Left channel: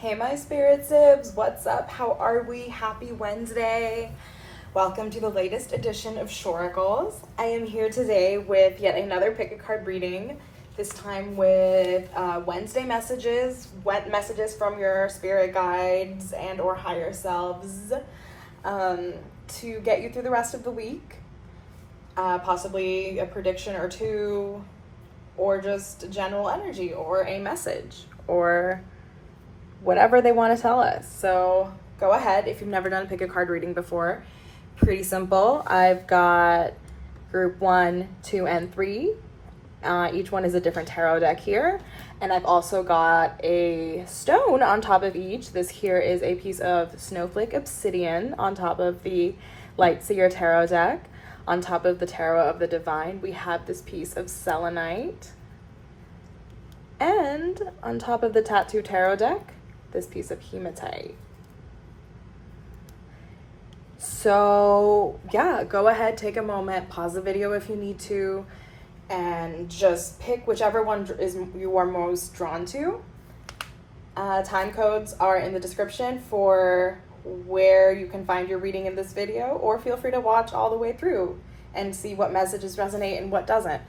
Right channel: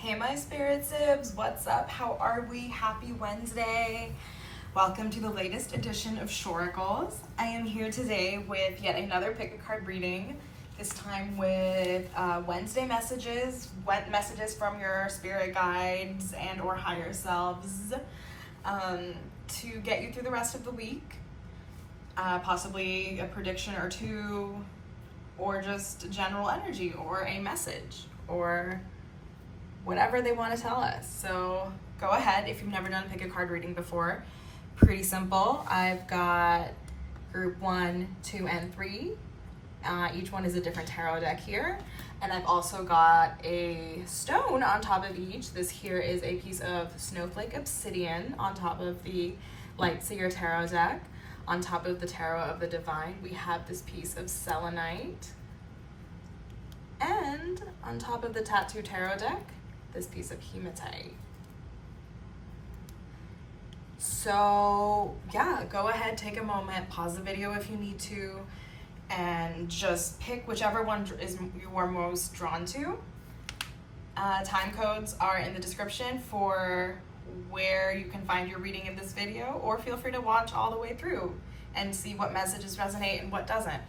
Hey my spirit sibs, what's up? How are we? Happy Wednesday. Welcome to the latest edition of Shoracles. I am here today with yet another pick a card reading, this time with Wednesday messages from your spirit guides and or higher selves to get you through the rest of the week. Possibly a prediction or two, or just general energy or a message or whatever they want to tell us. So go ahead if you've never done pick a card reading before. Pretty simple. I've got group 1, 2, and 3. Each one is a different tarot deck here. And I've also got a stone on top of each. This here is a piece of snowflake obsidian on top of the Light Seer tarot deck. On top of the Tarot of the Divine, we have this piece of selenite. And on top of the Tattoo tarot deck, this piece of hematite. So yeah, go ahead, take a moment, pause the video if you need to, and just pick whichever one you are most drawn to. Time codes are in the description for where you can find your reading in this video, or feel free to watch all the way through and see what messages resonate and what doesn't.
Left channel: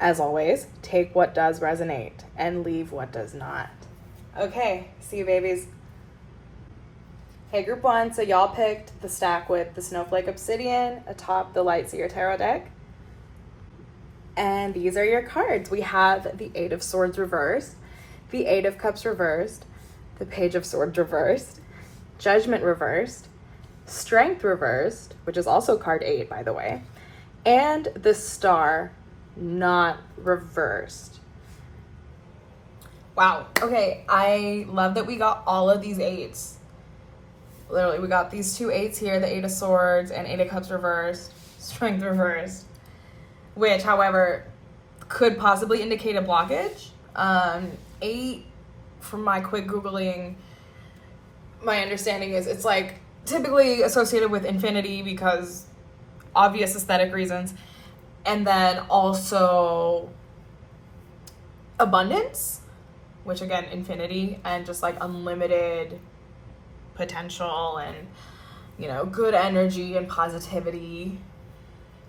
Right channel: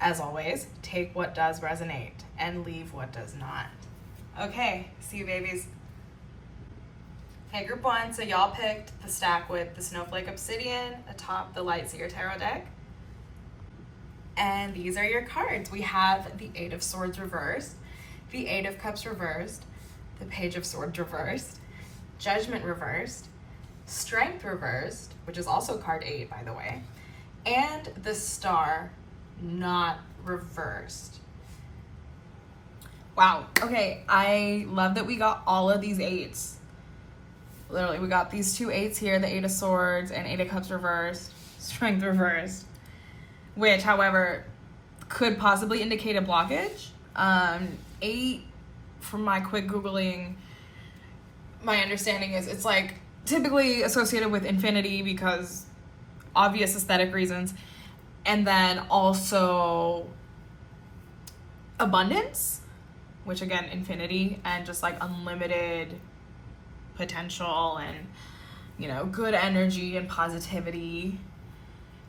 As always, take what does resonate and leave what does not. Okay, see you babies. Okay, group 1, so y'all picked the stack with the Snowflake Obsidian atop the Light Seer tarot deck. And these are your cards. We have the 8 of Swords reversed, the 8 of Cups reversed, the Page of Swords reversed, Judgment reversed, Strength reversed, which is also card 8 by the way, and the Star not reversed. Wow, okay, I love that we got all of these 8s. Literally, we got these 2 8s here, the 8 of Swords and 8 of Cups reversed, Strength reversed, which, however, could possibly indicate a blockage. 8, from my quick Googling, my understanding is it's like typically associated with infinity because obvious aesthetic reasons, and then also abundance, which again, infinity, and just like unlimited potential and, you know, good energy and positivity.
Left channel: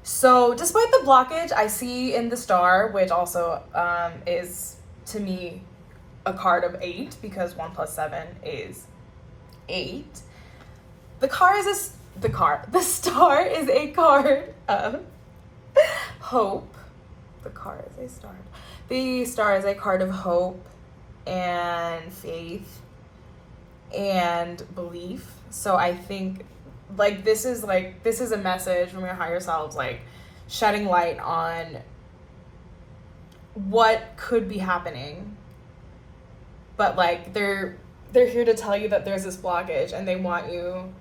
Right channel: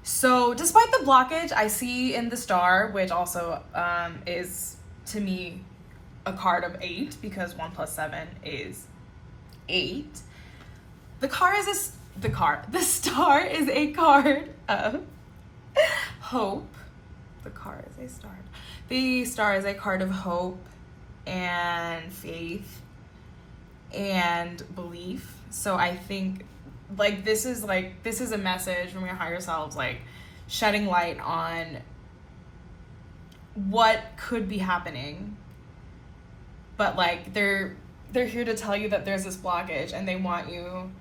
So despite the blockage I see in the Star, which also is to me a card of 8 because 1 plus 7 is 8. The Star is a card of hope. The Star is a card of hope and faith and belief. So I think this is a message from your higher selves, like shedding light on what could be happening, but like they're here to tell you that there's this blockage and they want you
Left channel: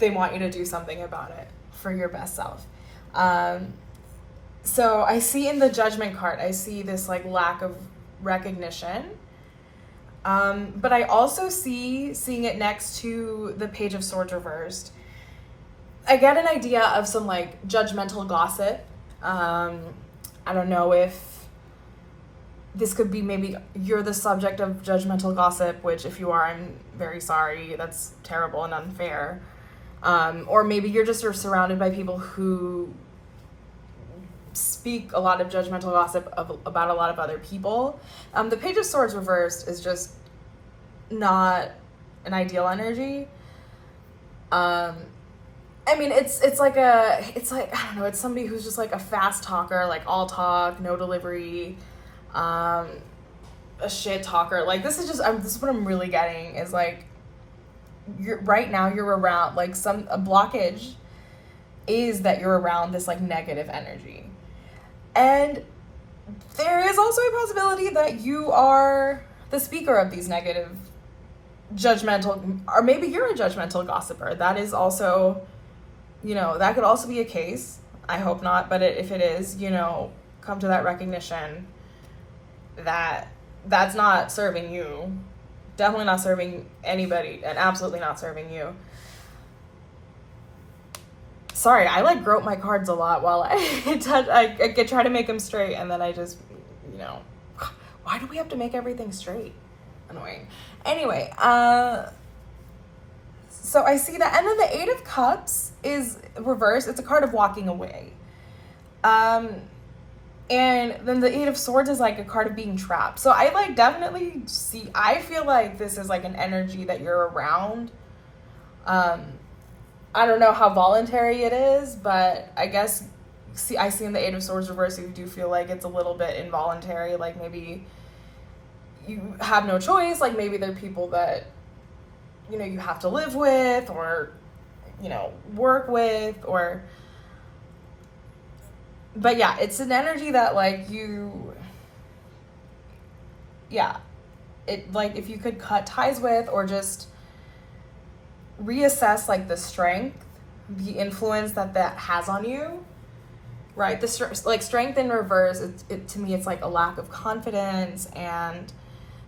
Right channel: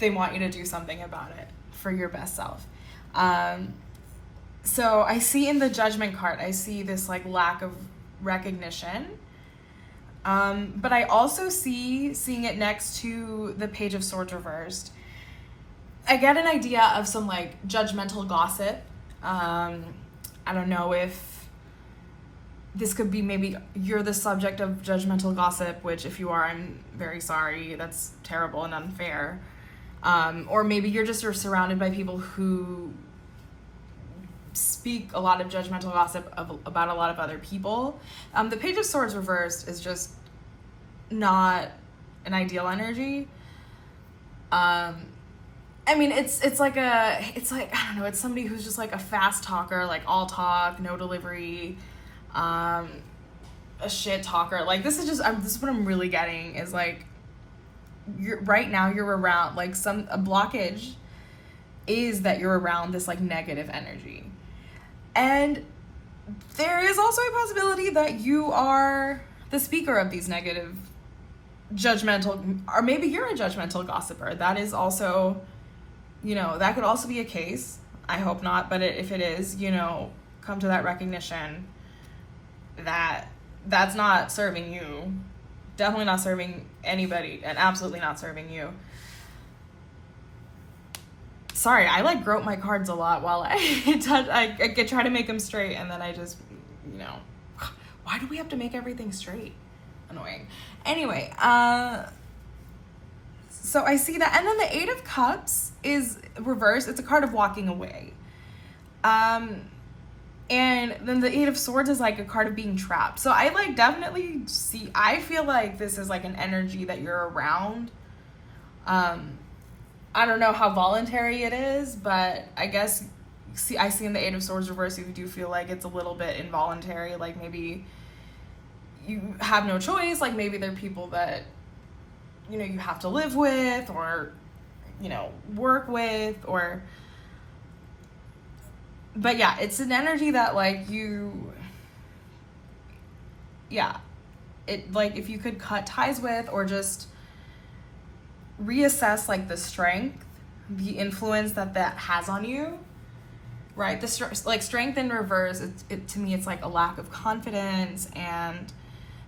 to do something about it for your best self. So I see in the Judgment card, I see this like lack of recognition. But I also seeing it next to the Page of Swords reversed, I get an idea of some like judgmental gossip. I don't know if this could be, maybe you're the subject of judgmental gossip, which if you are, I'm very sorry. That's terrible and unfair. Or maybe you're surrounded by people who speak a lot of judgmental gossip about a lot of other people. The Page of Swords reversed is just not an ideal energy. I mean, it's like I don't know, it's somebody who's just like a fast talker, like all talk, no delivery, a shit talker. Like this is what I'm really getting is like you're around like a blockage is that you're around this like negative energy. And there is also a possibility that you are the speaker of these negative, judgmental, or maybe you're a judgmental gossiper. That is also, you know, that could also be a case. I hope not, but if it is, you know, come to that recognition that that's not serving you. Definitely not serving anybody, and absolutely not serving you. Sorry, I like grope my cards a lot while I try to make them straight, and then I just, you know, why do we have to make everything straight? annoying. Anyway, so I see that. And then the Eight of Cups is reversed. It's a card of walking away. And then the Eight of Swords is like a card of being trapped. So I like definitely see, I feel like this is like an energy that you're around. I don't know how voluntary it is, but I guess I see in the Eight of Swords reversed, you do feel like it's a little bit involuntary. Like maybe you have no choice. Like maybe there are people that, you know, you have to live with or, you know, work with or, but yeah, it's an energy that like it like if you could cut ties with or just reassess like the strength, the influence that has on you, right? Like strength in reverse, to me, it's like a lack of confidence,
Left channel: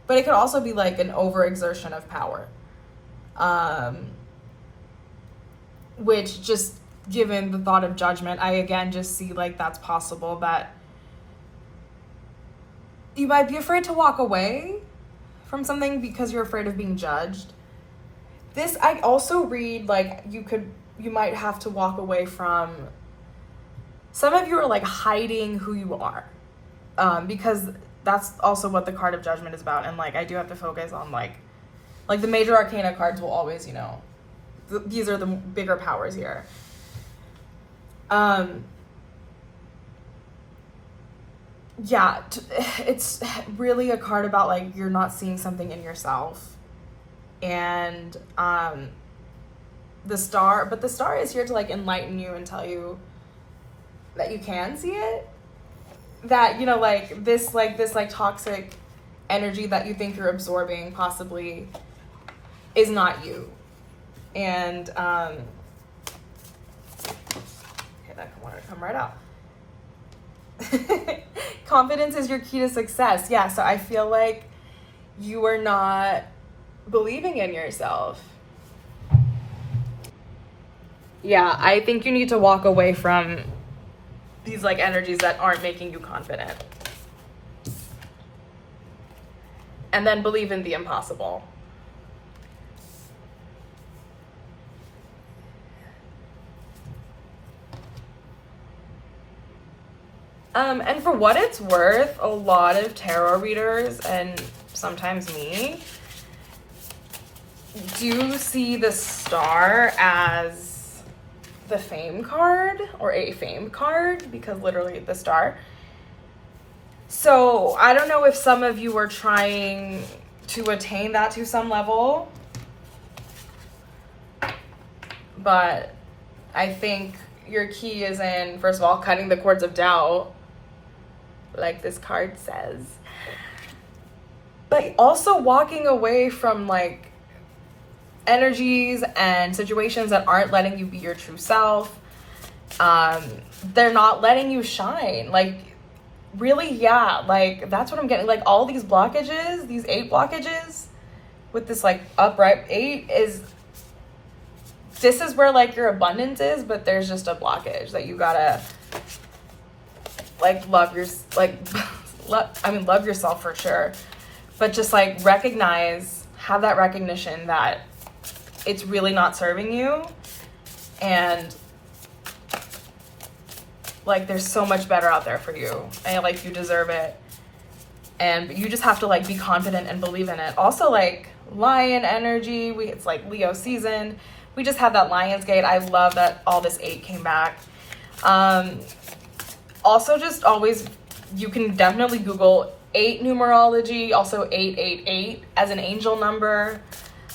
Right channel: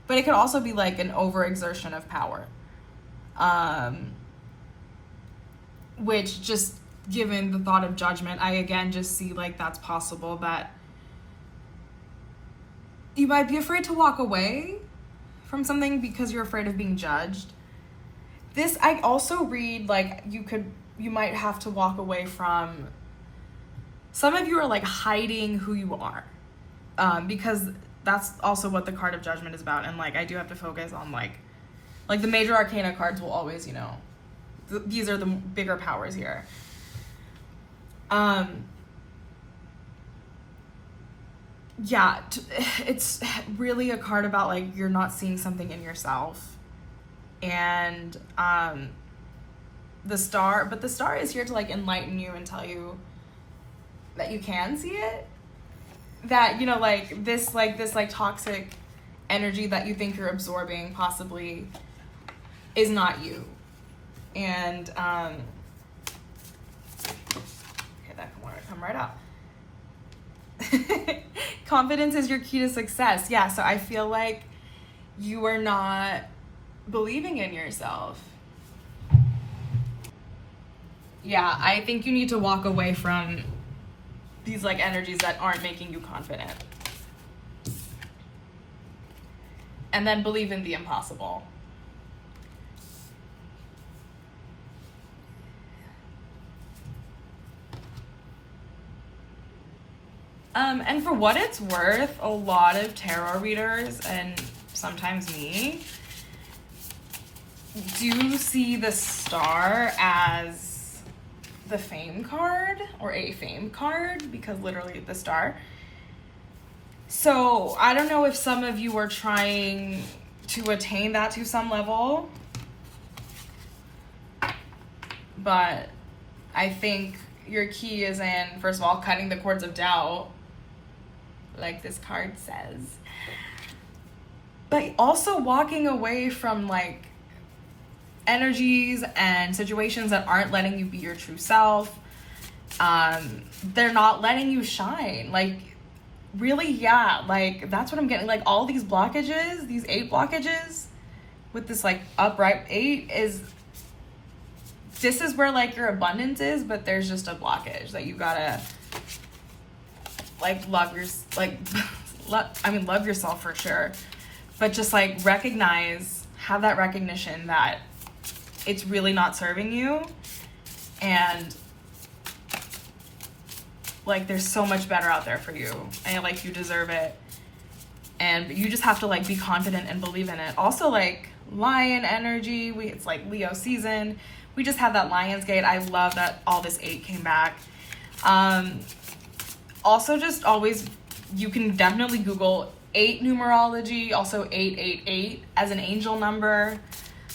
but it could also be like an overexertion of power, which just given the thought of judgment, I again just see like that's possible that you might be afraid to walk away from something because you're afraid of being judged. This, I also read like you might have to walk away from, some of you are like hiding who you are, because that's also what the card of judgment is about. And like I do have to focus on like the major arcana cards will always, you know, these are the bigger powers here. Yeah, it's really a card about like you're not seeing something in yourself. And the star is here to like enlighten you and tell you that you can see it, that, you know, like this toxic energy that you think you're absorbing possibly is not you. And okay, that wanted to come right out. Confidence is your key to success. Yeah, so I feel like you are not believing in yourself. Yeah, I think you need to walk away from these like energies that aren't making you confident. And then believe in the impossible. And for what it's worth, a lot of tarot readers, and sometimes me, do see the star as the fame card, or a fame card, because literally the star. So I don't know if some of you are trying to attain that to some level, but I think your key is in, first of all, cutting the cords of doubt, like this card says, but also walking away from like energies and situations that aren't letting you be your true self. They're not letting you shine. Like really, yeah, like that's what I'm getting. Like all these blockages, these 8 blockages with this like upright 8 this is where like your abundance is, but there's just a blockage that you gotta like love yourself for sure, but just like have that recognition that it's really not serving you, and like there's so much better out there for you, and like you deserve it, and you just have to like be confident and believe in it. Also like lion energy, it's like Leo season, we just had that Lion's Gate. I love that all this 8 came back. Also just always, you can definitely Google 8 numerology, also 888 as an angel number,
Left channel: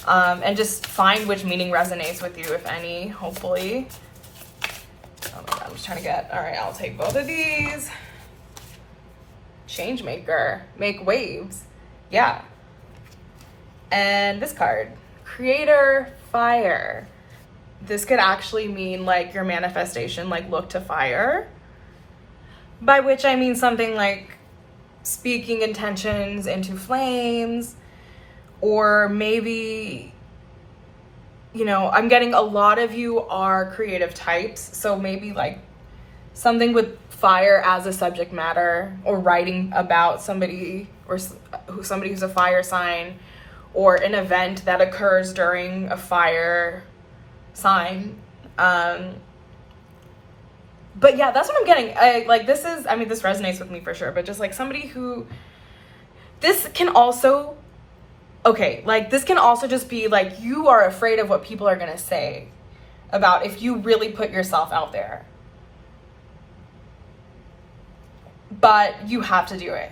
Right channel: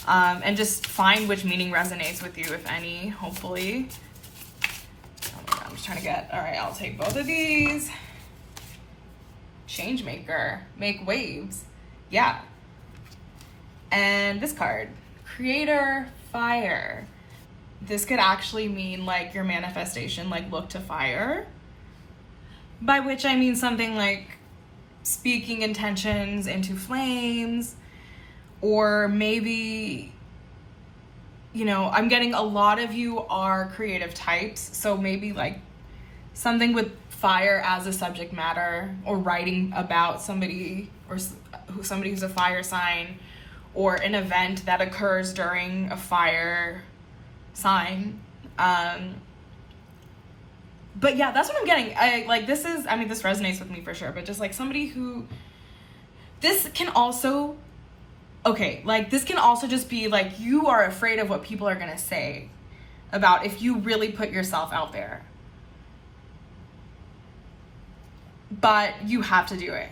and just find which meaning resonates with you, if any, hopefully. Oh my God, I'm just trying to get, all right, I'll take both of these. Change maker, make waves, yeah. And this card, creator, fire. This could actually mean like your manifestation, like look to fire. By which I mean something like speaking intentions into flames, or maybe, you know, I'm getting a lot of you are creative types, so maybe like something with fire as a subject matter, or writing about somebody, or somebody who's a fire sign, or an event that occurs during a fire sign. But yeah, that's what I'm getting. This resonates with me for sure, but just like somebody who, this can also just be like, you are afraid of what people are gonna say about if you really put yourself out there. But you have to do it.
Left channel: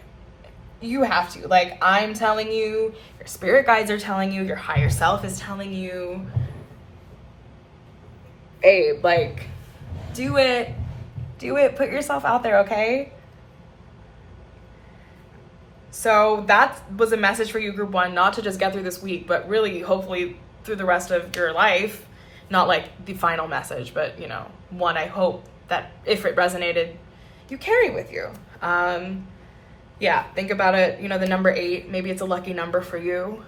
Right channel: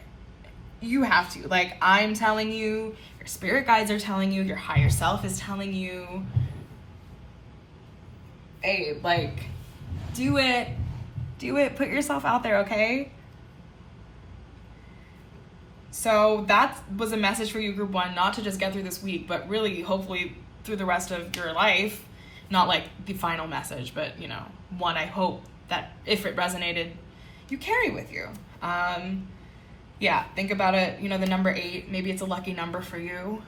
You have to. Like, I'm telling you, your spirit guides are telling you, your higher self is telling you, hey, like, do it. Do it. Put yourself out there, okay? So that was a message for you, group 1, not to just get through this week, but really, hopefully, through the rest of your life. Not like the final message, but, one I hope that if it resonated, you carry with you. Think about it, the number 8, maybe it's a lucky number for you.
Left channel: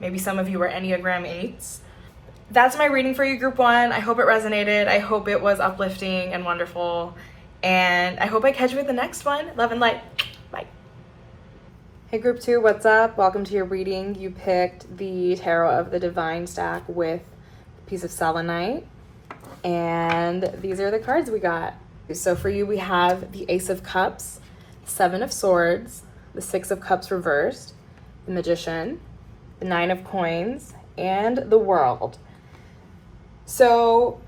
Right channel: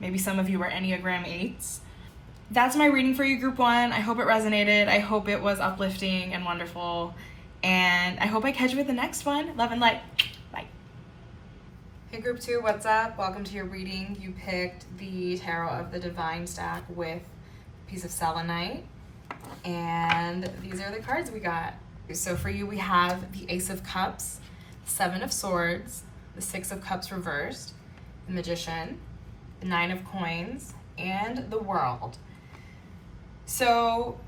Maybe some of you are Enneagram 8s. That's my reading for you, group 1. I hope it resonated. I hope it was uplifting and wonderful. And I hope I catch you with the next one. Love and light. Bye. Hey, group 2, what's up? Welcome to your reading. You picked the Tarot of the Divine stack with a piece of selenite. And these are the cards we got. So for you, we have the Ace of Cups, 7 of Swords, the 6 of Cups reversed, the Magician, the 9 of Coins, and the World. So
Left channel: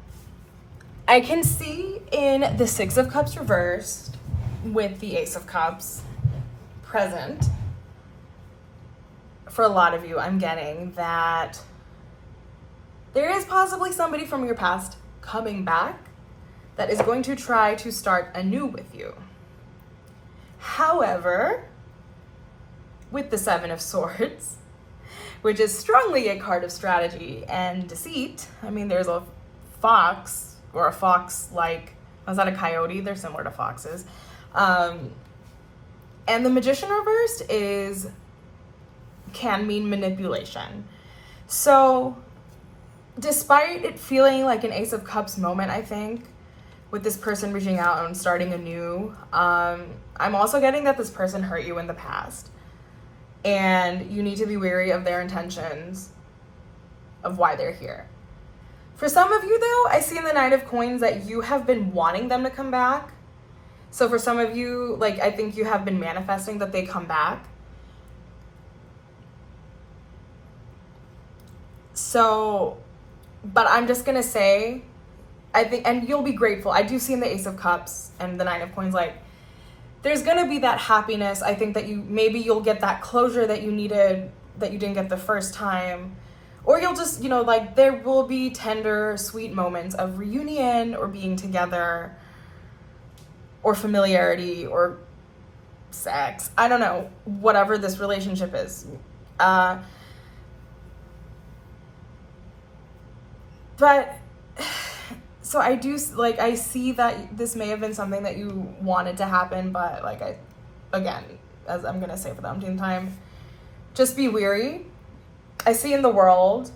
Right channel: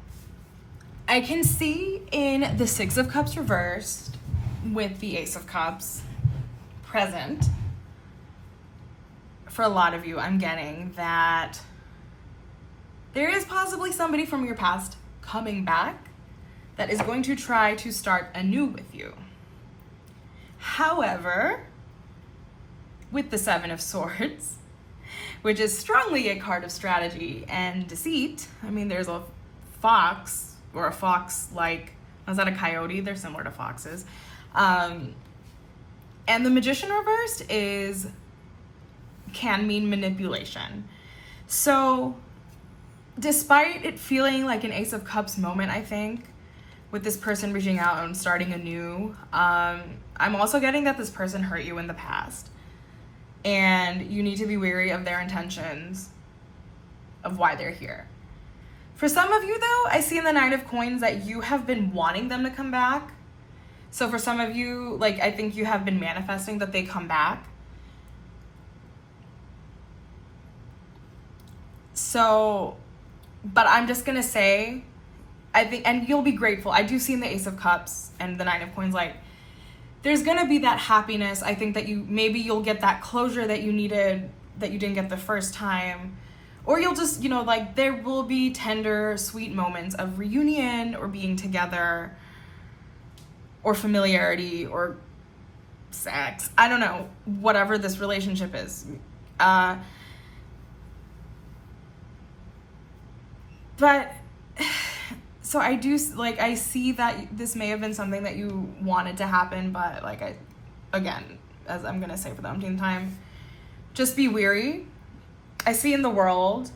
I can see in the 6 of Cups reversed with the Ace of Cups present, for a lot of you, I'm getting that there is possibly somebody from your past coming back that is going to try to start anew with you. However, with the 7 of Swords, which is strongly a card of strategy and deceit. I mean, there's a fox, or a fox-like, is that a coyote? They're similar to foxes. And the Magician reversed can mean manipulation. So, despite it feeling like an Ace of Cups moment, I think, with this person reaching out and starting anew, I'm also getting that this person hurt you in the past. And you need to be wary of their intentions of why they're here. For some of you, though, I see in the 9 of Coins that you have been wanting them to come back. So for some of you, I think you have been manifesting that they come back. So, but I'm just going to say, I think, and you'll be grateful. I do see in the Ace of Cups and the 9 of Coins, there's going to be that happiness. I think that you'll get that closure that you needed, that you didn't get the first time. Or you'll just, there will be tender, sweet moments of reunion or being together or familiarity or sex. I don't know, whatever this relationship is. But so I do, I see that this may have been something that you wanted to happen, but again, as I'm going to say for the umpteenth time, just be wary. I see in the world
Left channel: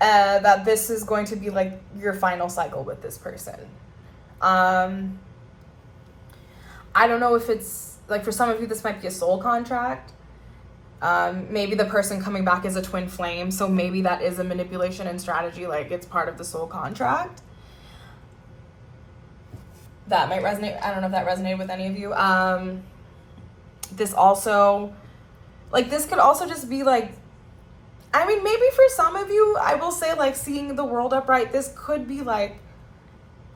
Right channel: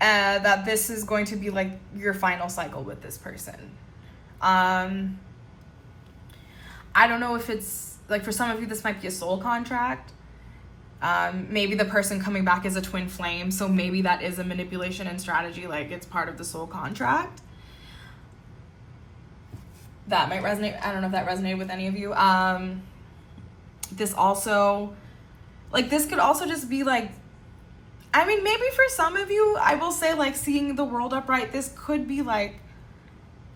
that this is going to be your final cycle with this person. I don't know if it's, for some of you, this might be a soul contract. Maybe the person coming back is a twin flame, so maybe that is a manipulation and strategy, it's part of the soul contract. That might resonate. I don't know if that resonated with any of you. This also, this could also just be maybe for some of you, I will say, seeing the world upright, this could be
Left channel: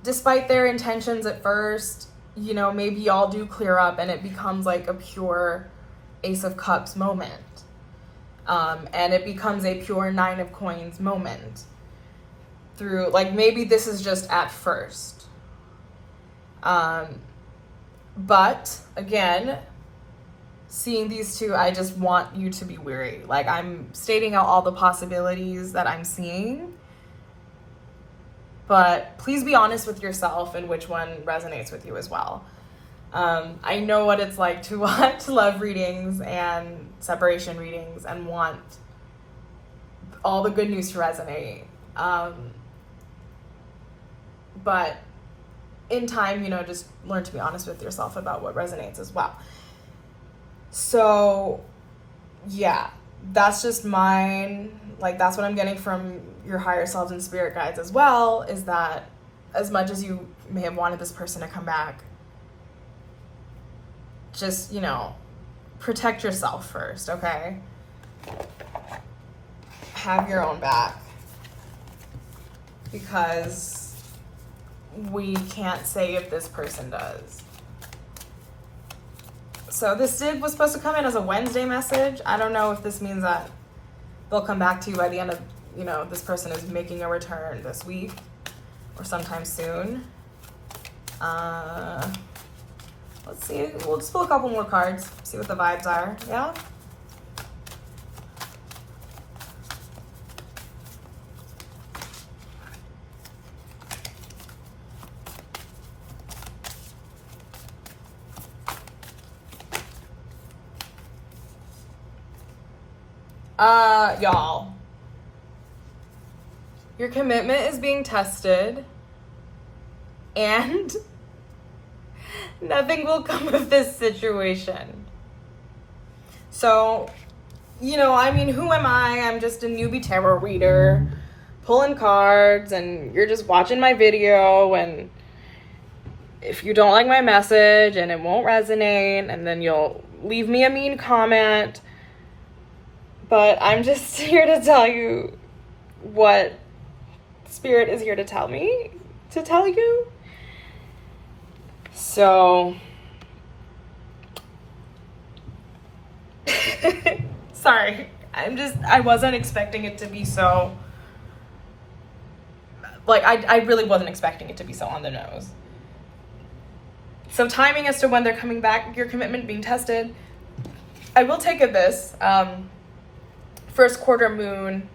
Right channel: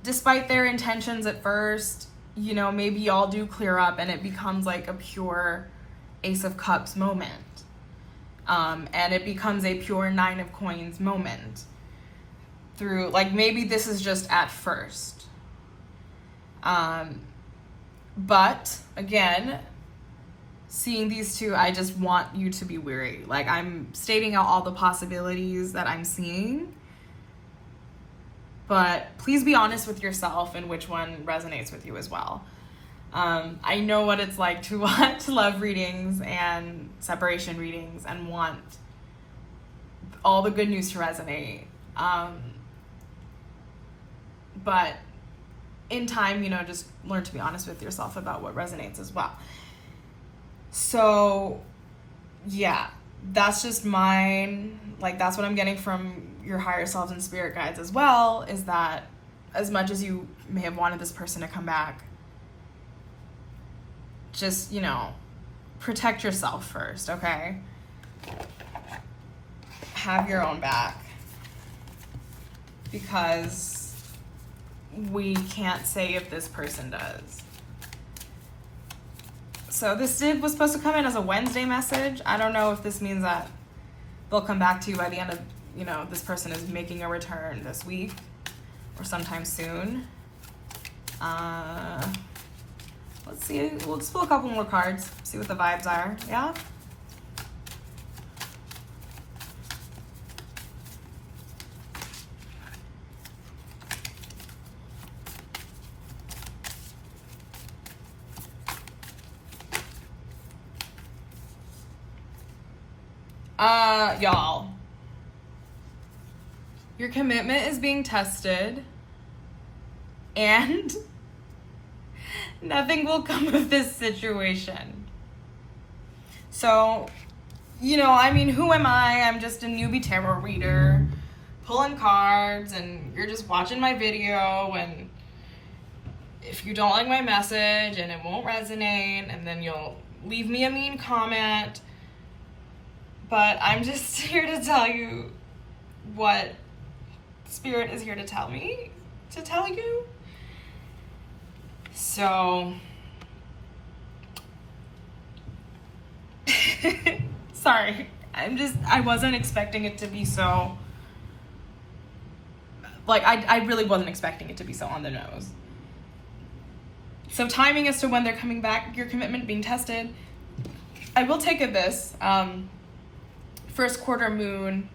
despite their intentions at first, maybe y'all do clear up and it becomes a pure Ace of Cups moment. And it becomes a pure 9 of Coins moment. Through, maybe this is just at first. But, again, seeing these two, I just want you to be wary. I'm stating out all the possibilities that I'm seeing. But please be honest with yourself and which one resonates with you as well. I know what it's like to want love readings and separation readings and want all the good news to resonate. But in time, just learn to be honest with yourself about what resonates as well. So, yeah, that's just mine. Like, that's what I'm getting from your higher selves and spirit guides as well, is that as much as you may have wanted this person to come back, just, you know, protect yourself first, okay? Have your own back. Because we can't say if this person does. So this was supposed to come in as a Wednesday message. I don't know if this means that they'll come back to you by the end of, you know, this person is making a return this week or sometime soon. Let's see. We'll just pull a couple more cards, see what the vibes are. Yeah? Y'all, your commitment is being tested, and nothing will come of this situation. So, you know, I mean, who am I? I'm just a newbie tarot reader, pulling cards, and you're just watching my video, and if you don't like my message and it won't resonate, and then you'll leave me a mean comment. But I'm just here to tell you what Spirit is here to tell me to tell you. So, sorry. I wasn't expecting it to be so, like, I really wasn't expecting it to be so on the nose. So timing as to when they're coming back, your commitment being tested. I will take it this. First quarter moon,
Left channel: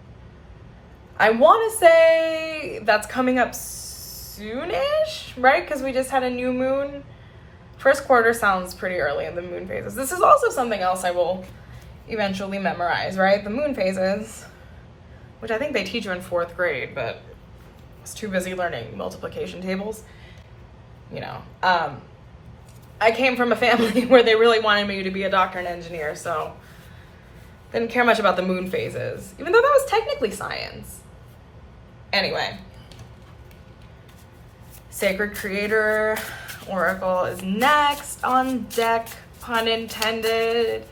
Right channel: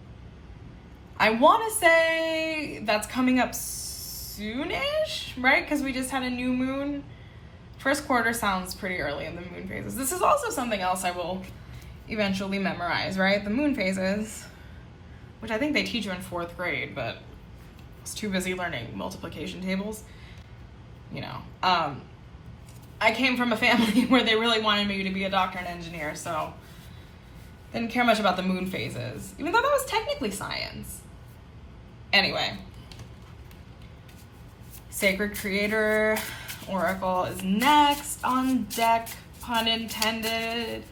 I want to say that's coming up soonish, right? Because we just had a new moon. First quarter sounds pretty early in the moon phases. This is also something else I will eventually memorize, right? The moon phases, which I think they teach you in 4th grade, but I was too busy learning multiplication tables. You know, I came from a family where they really wanted me to be a doctor and engineer, so didn't care much about the moon phases, even though that was technically science. Anyway, Sacred Creator Oracle is next on deck, pun intended.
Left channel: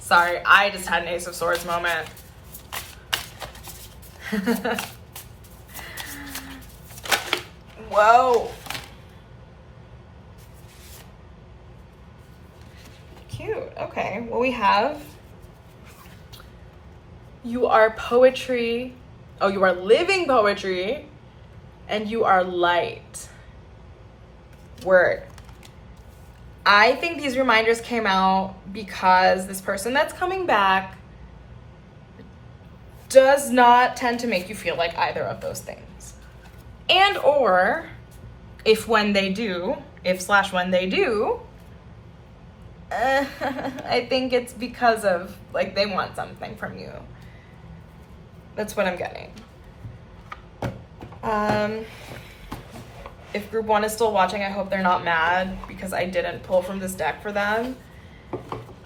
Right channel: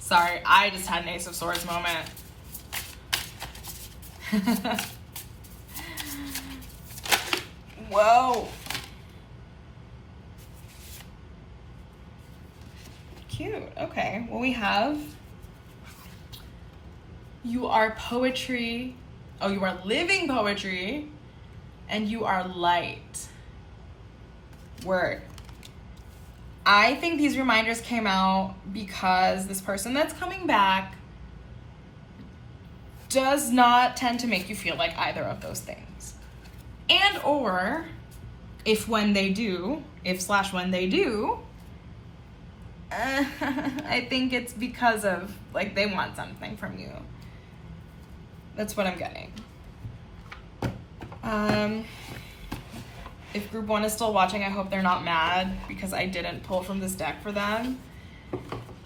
Sorry, I just had an Ace of Swords moment. Whoa. Cute. Okay. Well, we have you are poetry. Oh, you are living poetry, and you are light. Word. I think these reminders came out because this person that's coming back does not tend to make you feel like either of those things. And or when they do, I think it's because of, like, they want something from you. That's what I'm getting. If group 1 is still watching, I hope they're not mad because I didn't pull from this deck for them.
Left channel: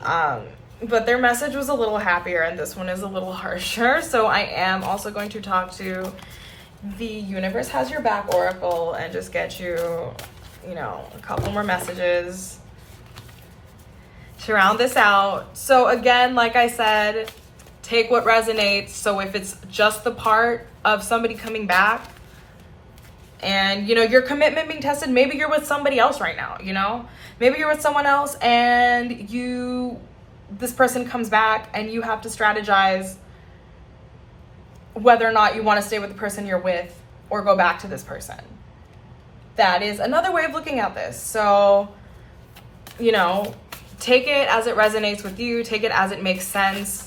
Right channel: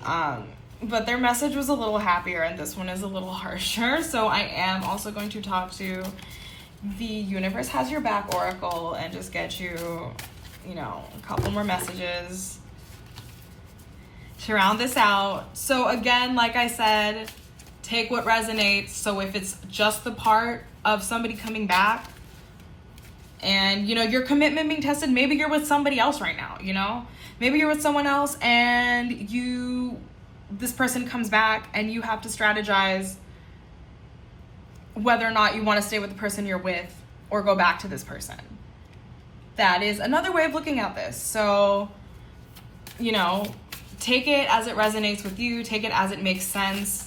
But their message was a little happier and this one is a little harsher. So I am also going to talk to the Universe Has Your Back Oracle and just get you, you know, a couple more messages to round this out. So again, like I said, take what resonates. So if it's just the part of somebody coming back and, you know, your commitment being tested, maybe you're with somebody else right now, you know? Maybe you're with someone else and this person comes back and you have to strategize whether or not you want to stay with the person you're with or go back to this person. That is another way of looking at this. So, you know, take it as it resonates with you. Take it as it makes sense.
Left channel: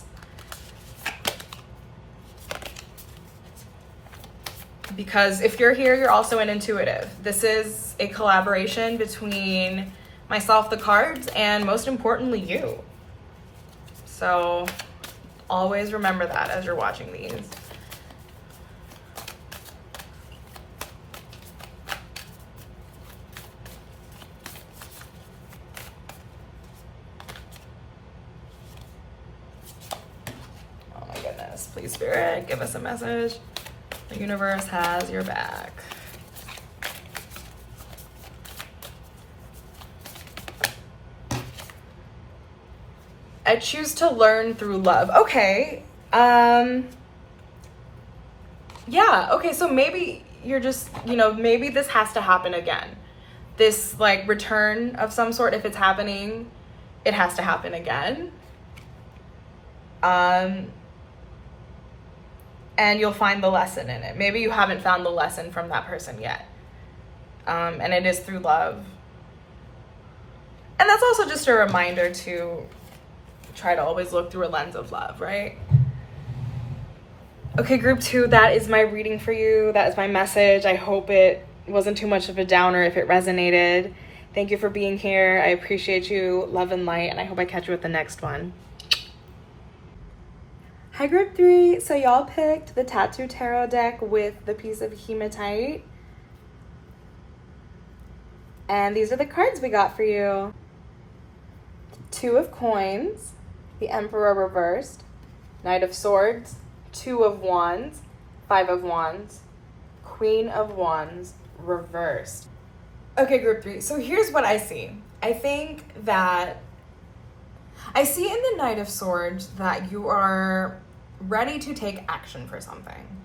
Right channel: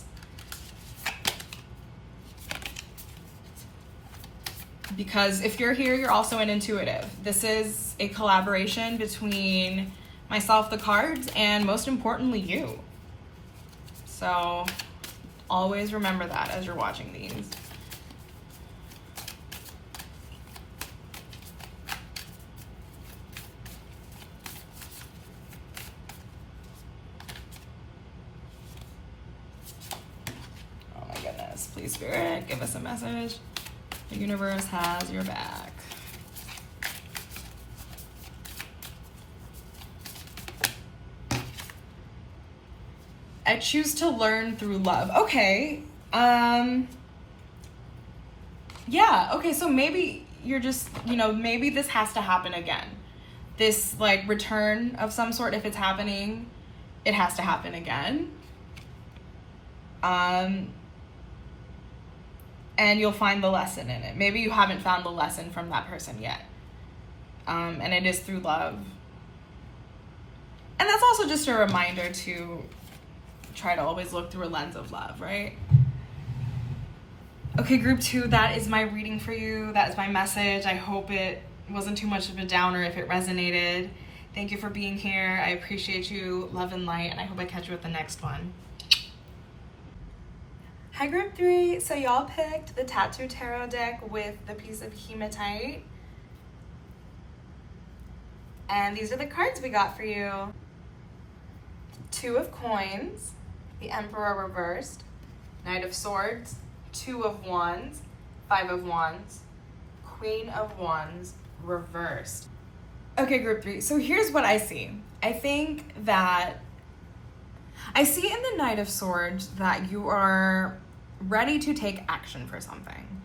Because if you're here, you're also an intuitive. This is a collaboration between myself, the cards, and most importantly, you. So always remember that as you're watching these. Please, Spirit, give us a message. The universe has your back. I choose to learn through love. Okay. Yeah, okay, so maybe you're just, maybe this has to happen again. This, like, return of some sort, if it's happening, it has to happen again. And you'll find the lesson in it. Maybe you haven't found the lesson from that person yet. And it is through love. And that's also just a reminder to try to always look through a lens of love, right? Okay, group 2, that is my reading for you. That is my message. I hope it wasn't too much of a downer if it resonated. Thank you for being here. I appreciate you. Love and light, and I hope I catch you at the next one. Hi, group 3. So y'all picked the Tattoo Tarot deck with the piece of hematite. And these are the cards we got for you. 2 of Coins, the Emperor reversed, Knight of Swords, 2 of Wands, 5 of Wands, Queen of Wands reversed. Okay, group 3. So here's what I see. I think that I see in the Knight of Swords that you are ready to take action for something.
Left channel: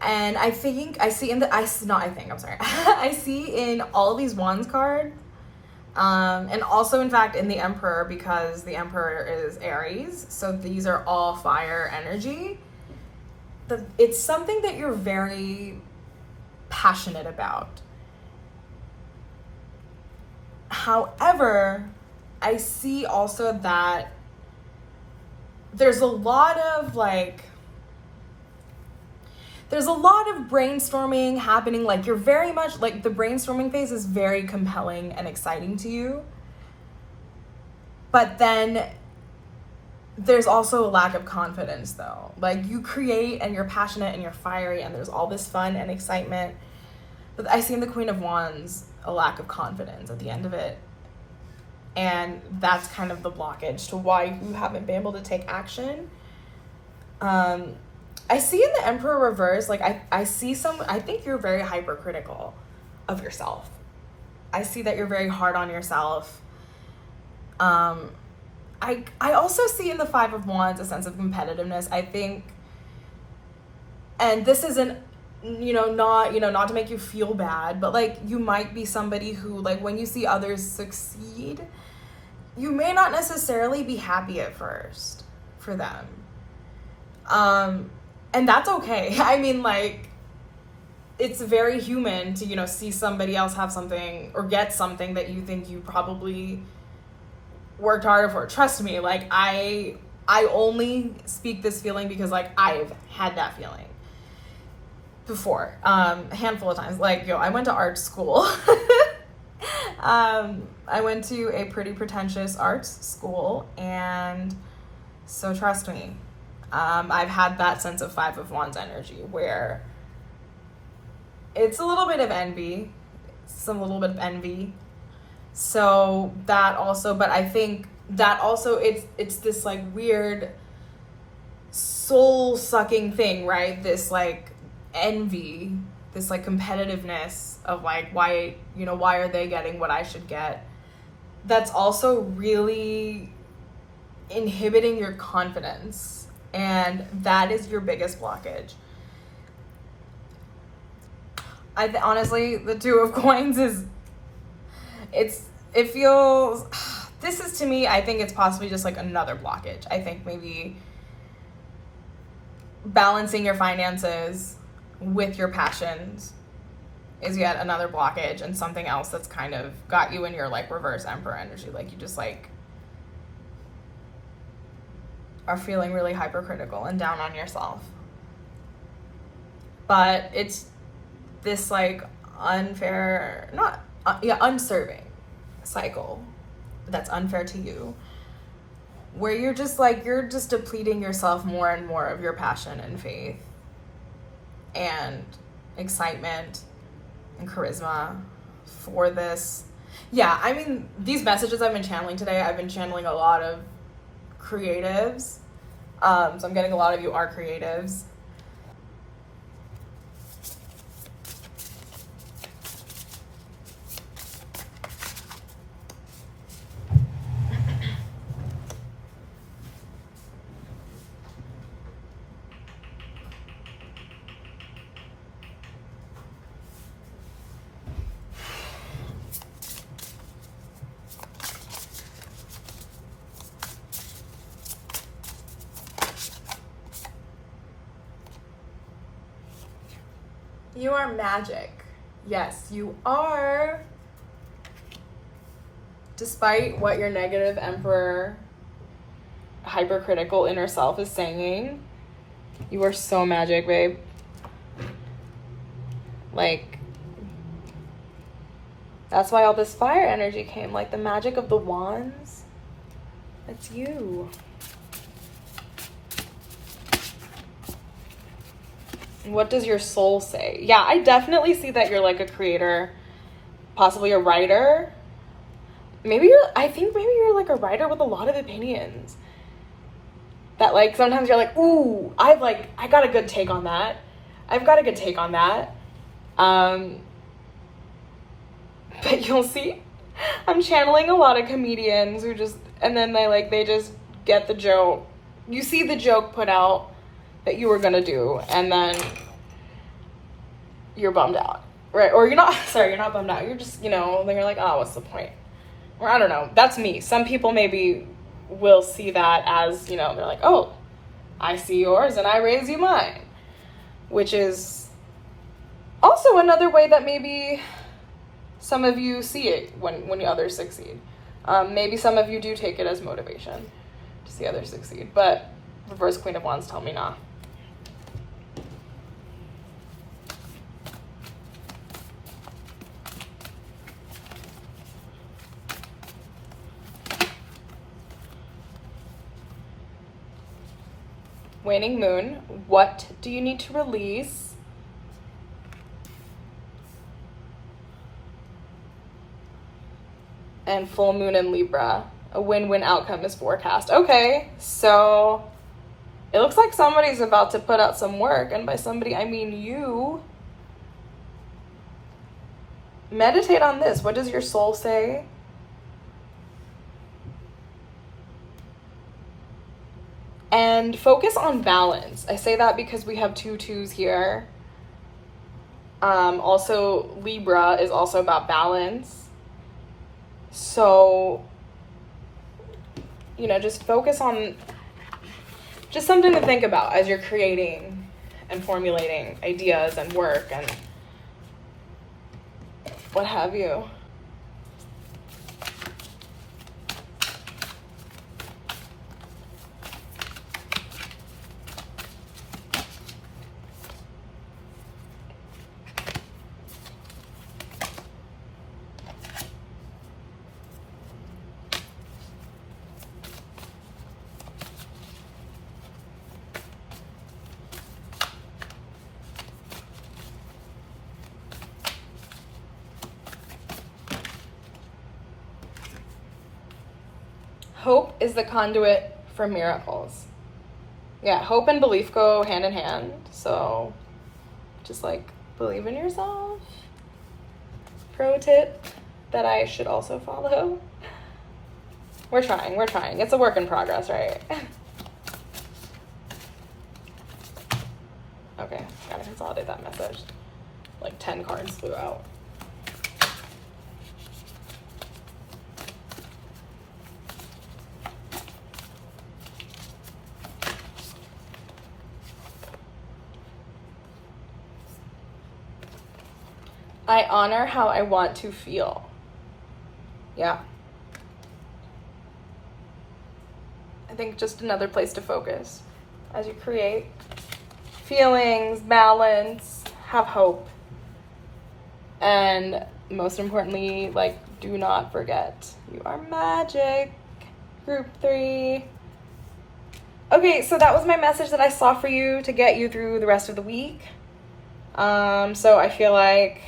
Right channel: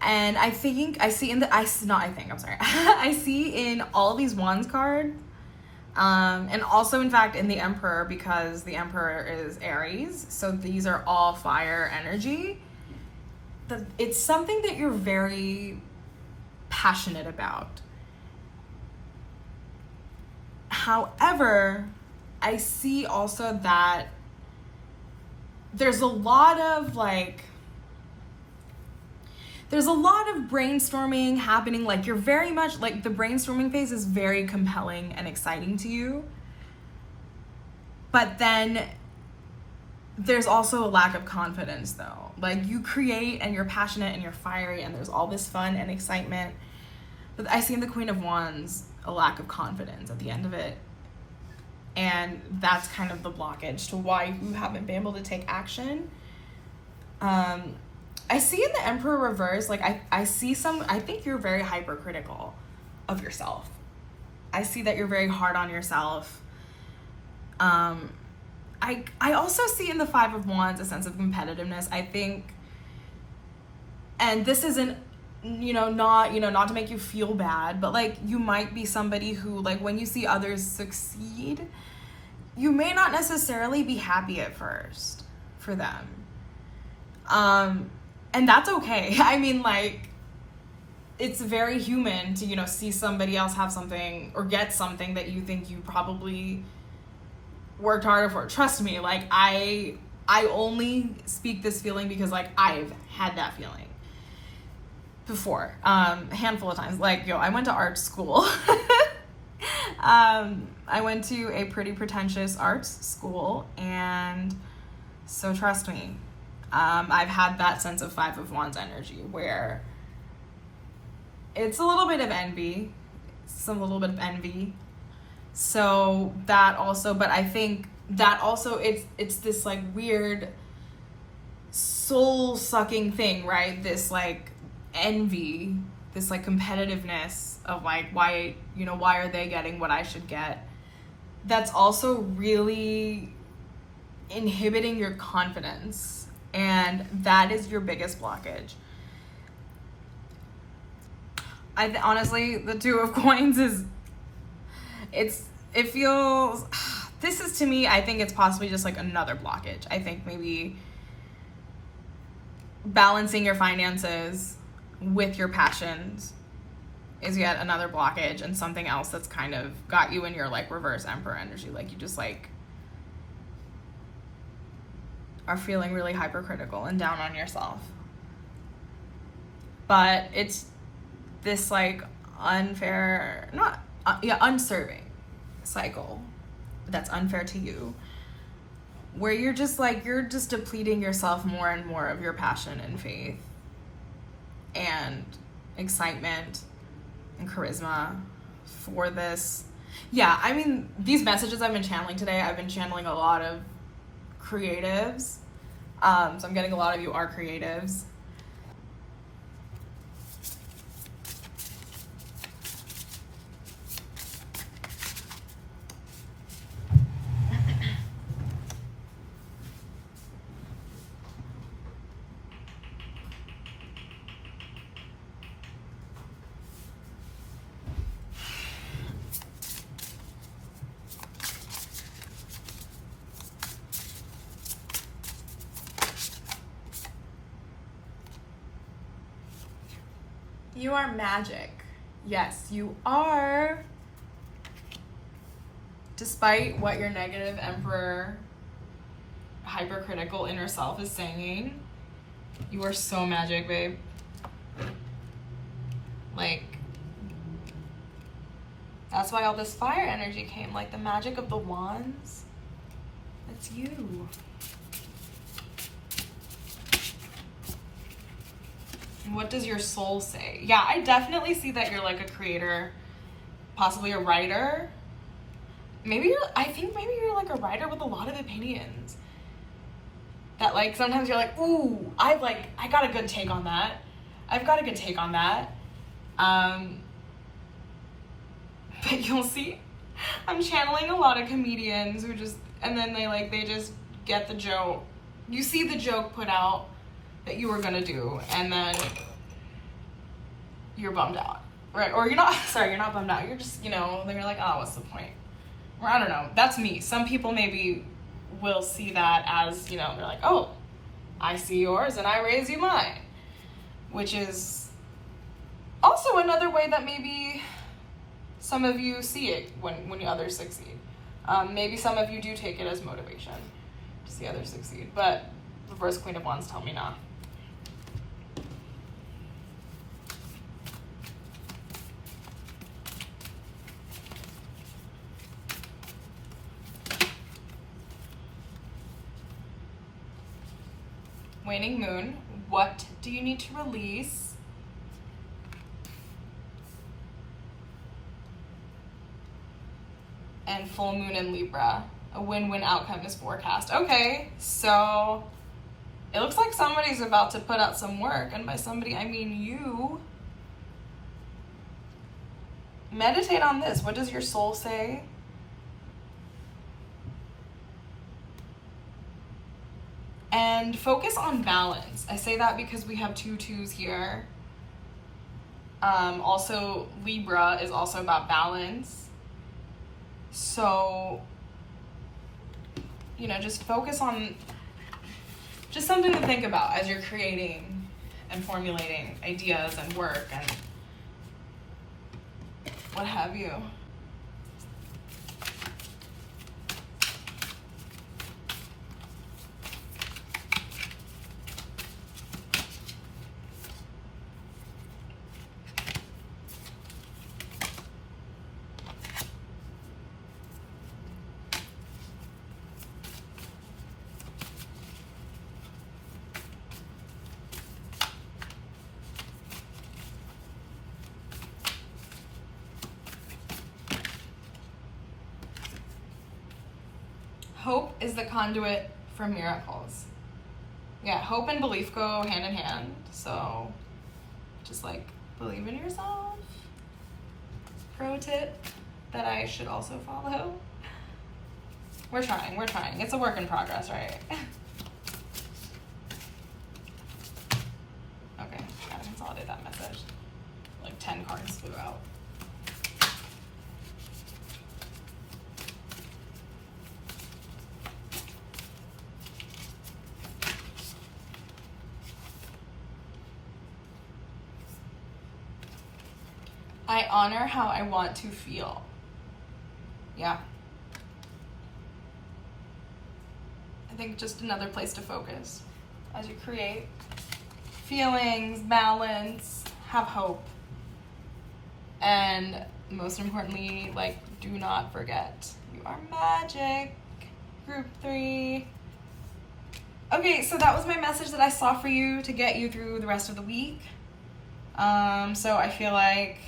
And I see in all of these Wands cards, and also, in fact, in the Emperor, because the Emperor is Aries, so these are all fire energy. It's something that you're very passionate about. However, I see also that there's a lot of brainstorming happening. Like, you're very much, like, the brainstorming phase is very compelling and exciting to you. But then there's also a lack of confidence, though. Like, you create and you're passionate and you're fiery and there's all this fun and excitement. But I see in the Queen of Wands a lack of confidence at the end of it. And that's kind of the blockage to why you haven't been able to take action. I see in the Emperor reverse, like, I think you're very hypercritical of yourself. I see that you're very hard on yourself. I also see in the 5 of Wands a sense of competitiveness. I think, and this isn't, not to make you feel bad, but, like, you might be somebody who, like, when you see others succeed, you may not necessarily be happy at first for them. And that's okay. I mean, like, it's very human to, see somebody else have something or get something that you think you probably worked harder for. Trust me, like, I only speak this feeling because, like, I've had that feeling before, a handful of times. Like, I went to art school. I went to a pretty pretentious arts school, and so trust me, I've had that sense of 5 of Wands energy where it's a little bit of envy, so that also, but I think that also it's this, like, weird soul sucking thing, right? This, like, envy, this, like, competitiveness of, like, why are they getting what I should get? That's also really inhibiting your confidence, and that is your biggest blockage. Honestly, the 2 of Coins it feels, this is, to me, I think it's possibly just, like, another blockage. I think maybe balancing your finances with your passions is yet another blockage, and something else that's kind of got you in your, like, reverse Emperor energy. Like, you just, like, are feeling really hypercritical and down on yourself. But it's this, like, unserving cycle that's unfair to you, where you're just depleting yourself more and more of your passion and faith and excitement and charisma for this. Yeah, I mean, these messages I've been channeling today, I've been channeling a lot of creatives, So I'm getting a lot of you are creatives. You are magic. Yes, you are. Despite what your negative emperor, hypercritical inner self is saying, you are so magic, babe. Like, that's why all this fire energy came, like the magic of the wands. It's you. What does your soul say? Yeah, I definitely see that you're like a creator, possibly a writer. I think maybe you're like a writer with a lot of opinions. That like sometimes you're like, ooh, I got a good take on that. I've got a good take on that. But you'll see, I'm channeling a lot of comedians who just, and then they just get the joke. You see the joke put out that you were gonna do, and then you're bummed out, right? Or you're not bummed out. You're just, then you're like, oh, what's the point? Or I don't know. That's me. Some people maybe will see that as, they're like, oh, I see yours and I raise you mine, which is also another way that maybe some of you see it when the others succeed. Maybe some of you do take it as motivation to see others succeed, but reverse Queen of Wands tell me not. Waning Moon, what do you need to release? And Full Moon in Libra, a win-win outcome is forecast. Okay, so it looks like somebody's about to put out some work, and by somebody I mean you. Meditate on this. What does your soul say? And focus on balance. I say that because we have 2 2s here. Also, Libra is also about balance. So, just focus on just something to think about as you're creating and formulating ideas and work and what have you. Hope is the conduit for miracles. Yeah, hope and belief go hand in hand. So just believe in yourself. Pro tip that I should also follow. We're trying. It's a work in progress, right? Okay, gotta consolidate that message. 10 cards flew out. I honor how I want to feel. Yeah. I think just another place to focus as you create feelings, balance, have hope. And most importantly, do not forget, you are magic. Group 3. Okay, so that was my message that I saw for you to get you through the rest of the week. So I feel like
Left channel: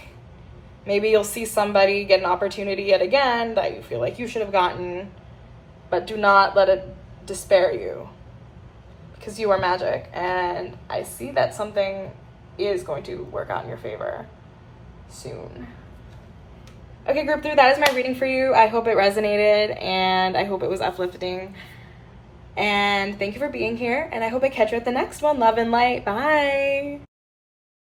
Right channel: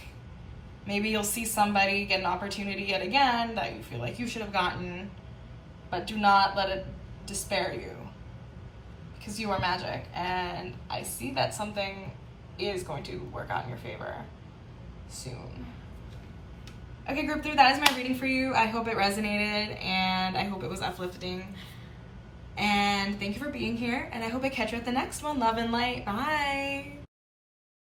maybe you'll see somebody get an opportunity yet again that you feel like you should have gotten, but do not let it despair you. because you are magic, and I see that something is going to work out in your favor soon. Okay, group 3, that is my reading for you. I hope it resonated, and I hope it was uplifting. And thank you for being here, and I hope I catch you at the next one. Love and light. Bye.